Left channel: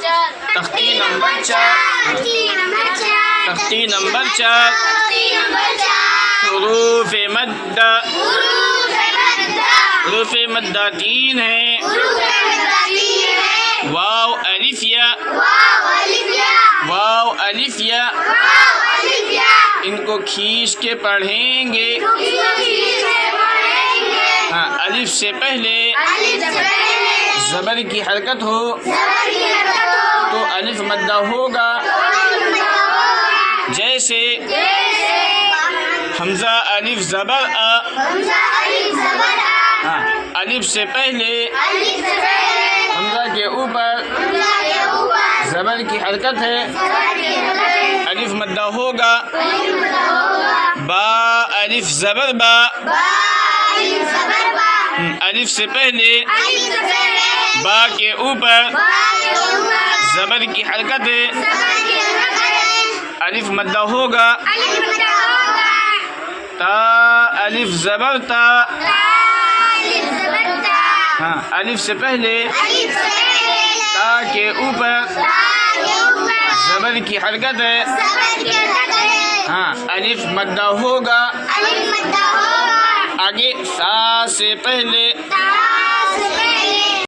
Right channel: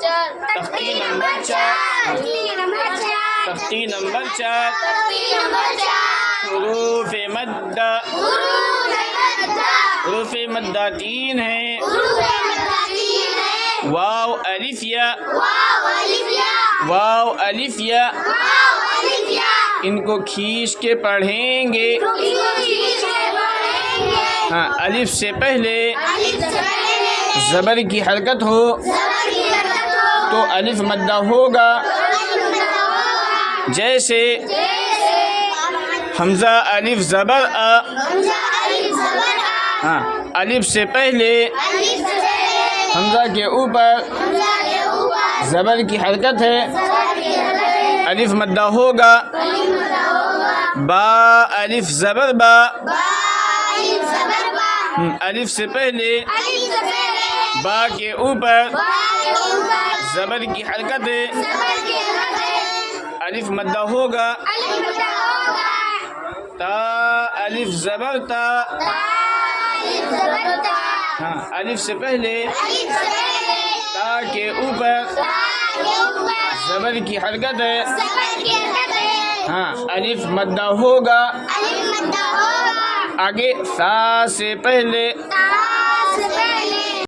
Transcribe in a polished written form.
تختی نمبر 4 تختی نمبر 4 حروف مد حروف مدہ 3 ہیں. واو الف یا واو الف یا ان کو کھینچ کے پڑھیں گے. ہاں الف سے پہلے زبر کی حرکت ہو تو الف مدہ ہوگا. جیسے حمزہ الف زبر آ. ہاں الف سے پہلے حمزہ کے اوپر زبر کی حرکت ہے، الف مدہ ہوگا. با الف زبر با. الف سے پہلے با کے اوپر زبر کی حرکت ہے، الف مدہ ہوگا. تا الف زبر تا. ہاں الف سے پہلے تا کے اوپر زبر کی حرکت ہے، ہاں الف مدہ ہوگا. آگے سا سے پہلے